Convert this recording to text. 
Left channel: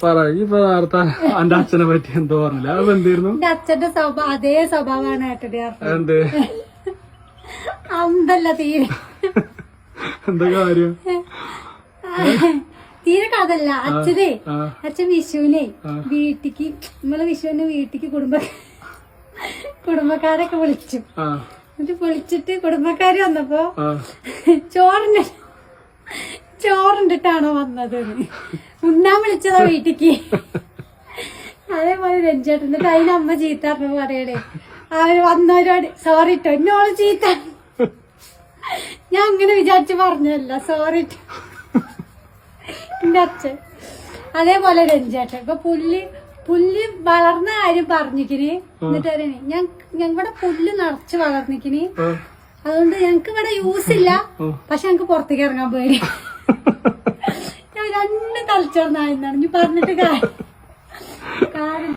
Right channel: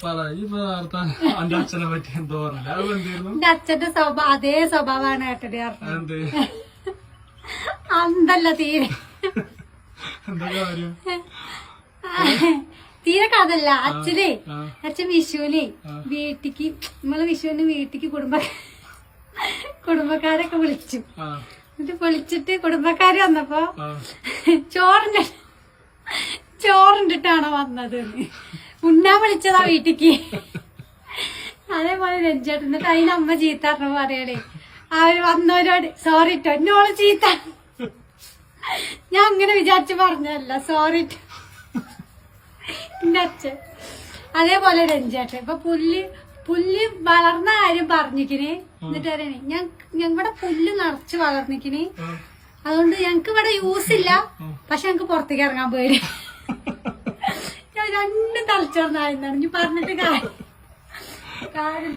ഇപ്പൊ നേരത്തെ എന്റെ അച്ഛനെ പറ്റി എന്തോ പറഞ്ഞില്ല അത് എന്തായിരുന്നു? എന്റെ അച്ഛന്റെ അതേ സ്വഭാവമാണ് ഏട്ടടി എന്ത് അന്തല്ല തീരെ എന്താ കാര്യം? തീരെ കഥല്ല. അച്ഛൻ വിഷുവിനെ വീട്ടിക്ക് നമ്മള് വിഷുവിന് വീട്ടിക്ക് കുടുംബക്കാരൊക്കെ വിളിച്ചു. എന്നിട്ട് വിളിച്ചിട്ട് കുടുംബക്കാര് വന്നപ്പോ ചോറുണ്ടിട്ടാണോ വന്നത് ഉണ്ണാൻ വിളിച്ചതാ വീട്ടിക്ക്. അതേപോലെ രഞ്ജേട്ടൻ. എന്നിട്ട് അതിന് അമ്മ ചീത്ത പറഞ്ഞു പറയണേ അവര് വന്നവരോട് സോറി ട്ടോ എന്നോള് ചീത്ത. ഞാൻ അങ്ങനെ വിചാരിച്ച് പറഞ്ഞല്ല സോറി ട്ടോ എന്റെ അച്ഛൻ. അതേപോലെ രഞ്ജേട്ടൻ ഇപ്പൊ പുല്ല് വളർന്ന കാര്യം പറഞ്ഞിക്കിന്. എന്നിട്ട് പറയണേ ഞങ്ങളുടെ പുല്ല് നിറച്ച് വളർന്നിക്കിന്, അതുകൊണ്ട് ഞങ്ങക്ക് ഇവിടെ യൂസ് ഇല്ല, പക്ഷെ ഞങ്ങക്ക് പുറത്തേക്ക് ഇറങ്ങാൻ പേടി. ഞാൻ രണ്ട് തലച്ചോർന്നായിരുന്നാണ് ഇനി പറഞ്ഞിട്ട് കാര്യം.